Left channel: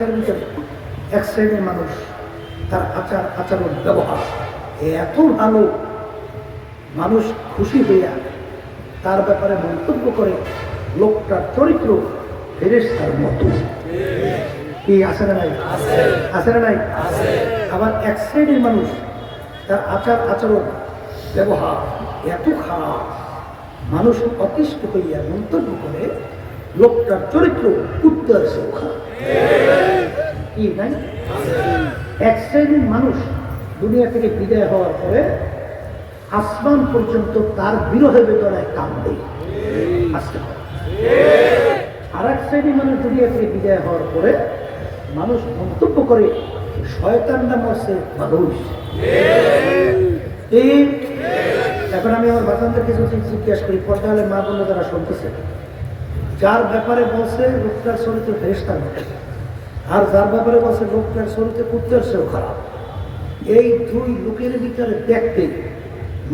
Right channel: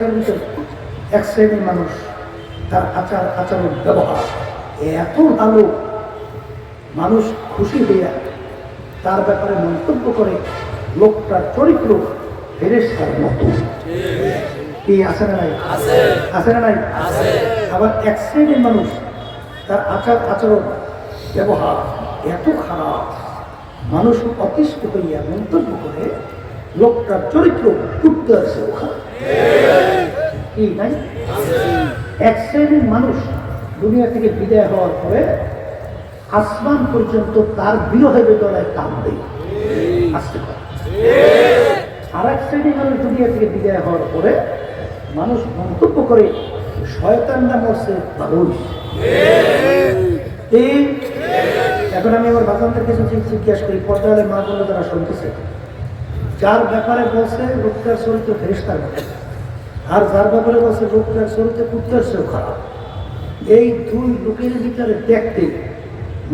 এক শ্রেণীর মানুষ তার আচরণ ব্যবহার এত ভালো, মানুষ খুশি হইয়া তার ব্যাপারে মন্তব্য করে লোকটার চরিত্র ফেরেশতার মতো। কি আছে না নাই? আছে না নাই? আবার এক শ্রেণীর মানুষ তার আচরণ ব্যবহার এত খারাপ, মানুষ অতিষ্ঠ হইয়া মন্তব্য করে লোকটার চরিত্র উঠতে আসে। কি নাই? এক শ্রেণীর মানুষ দুনিয়া থেকে বিদায় হওয়ার পরে আসমান পর্যন্ত তার বিরহে বেদনায় কাঁদবে। আর এক শ্রেণীর মানুষ দুনিয়া থেকে বিদায় হওয়ার পরে মানুষ মন্তব্য করে শয়তান নাম হচ্ছে মানুষ। এখন আমি আমার বাচ্চাদের কিছু জিজ্ঞাসা করি, পর্দালে মা বলে তারা শুনতেছে, যার ব্যাপারে বলছে লোকটার চরিত্র ফেরেশতার মতো, আর যার ব্যাপারে বলছে লোকটার চরিত্র কুত্তার চেয়েও খারাপ, এই দুই লোকের ভিতরে দেখতে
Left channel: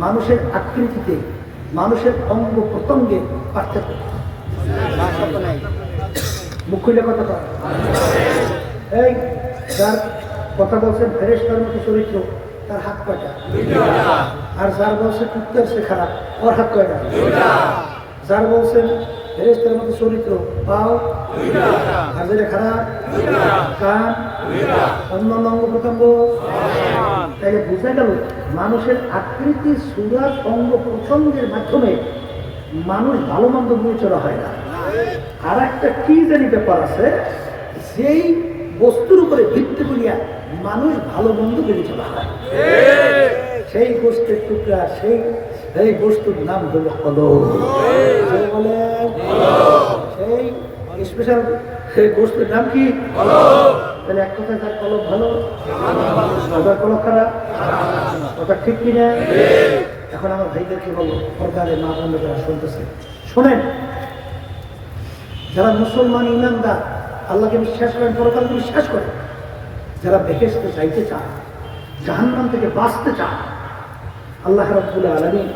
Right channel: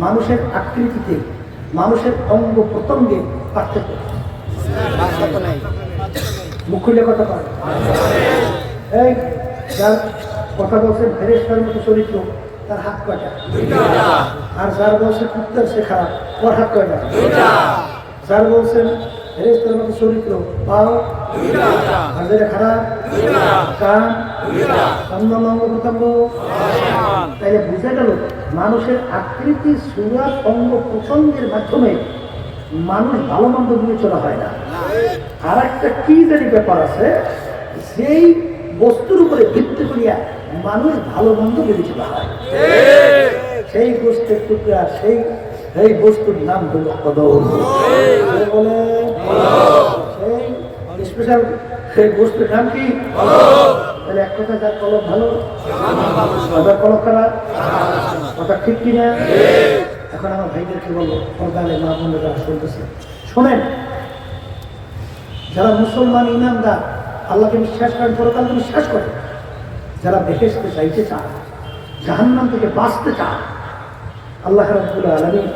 মানুষের আকৃতিতে, মানুষের অঙ্গ প্রত্যঙ্গে পার্থক্য। মুখ খুলে কথা পাবে। এই যার কথা বলছেন ফেরেশতার মতো চরিত্র, তার হাত কয়টা? আর যার বলছেন কুত্তার চেয়ে খারাপ, ওর হাত কয়টা? যার বলছেন ফেরেশতার মতো চরিত্র, পাও আর যেটা খারাপ, কান, অন্যান্য অঙ্গ প্রত্যঙ্গ। তাই বুঝা গেল মানুষের আকৃতি, সুরাত, অঙ্গ প্রত্যঙ্গের মাধ্যমে মানুষ ভালো মন্দ নিয়ে চলা হয় না। আর একটা কি জানি ব্যাপার আছে, সেই বস্তুর উপরে ভিত্তি করিয়া মানুষ ভালো মন্দ বেরিয়ে চলা হয়। সেই বস্তুর টুকরা, সেই বস্তুর নাম হলো কলম। বলে সেই স্পেশাল সেই বস্তুর নাম কি? তাহলে এক কথা, যার কলম ভালো, তাদের কলম খারাপ, কথা ঠিক কিনা? এখন আমার ভাইদেরকে বলবো, পর্দালে মা বন্ধু যারা শুনতেছে শোনেন, যারা মুসলমান ইমানদার, আল্লাহকে বিশ্বাস করেন, পরকালকে বিশ্বাস করেন, যারা বেহেশতে চাইতে চান, জাহান্নাম থেকে বাঁচতে চান, আল্লাহ রাব্বুল আলামিন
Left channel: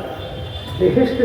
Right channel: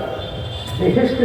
বেহেশতে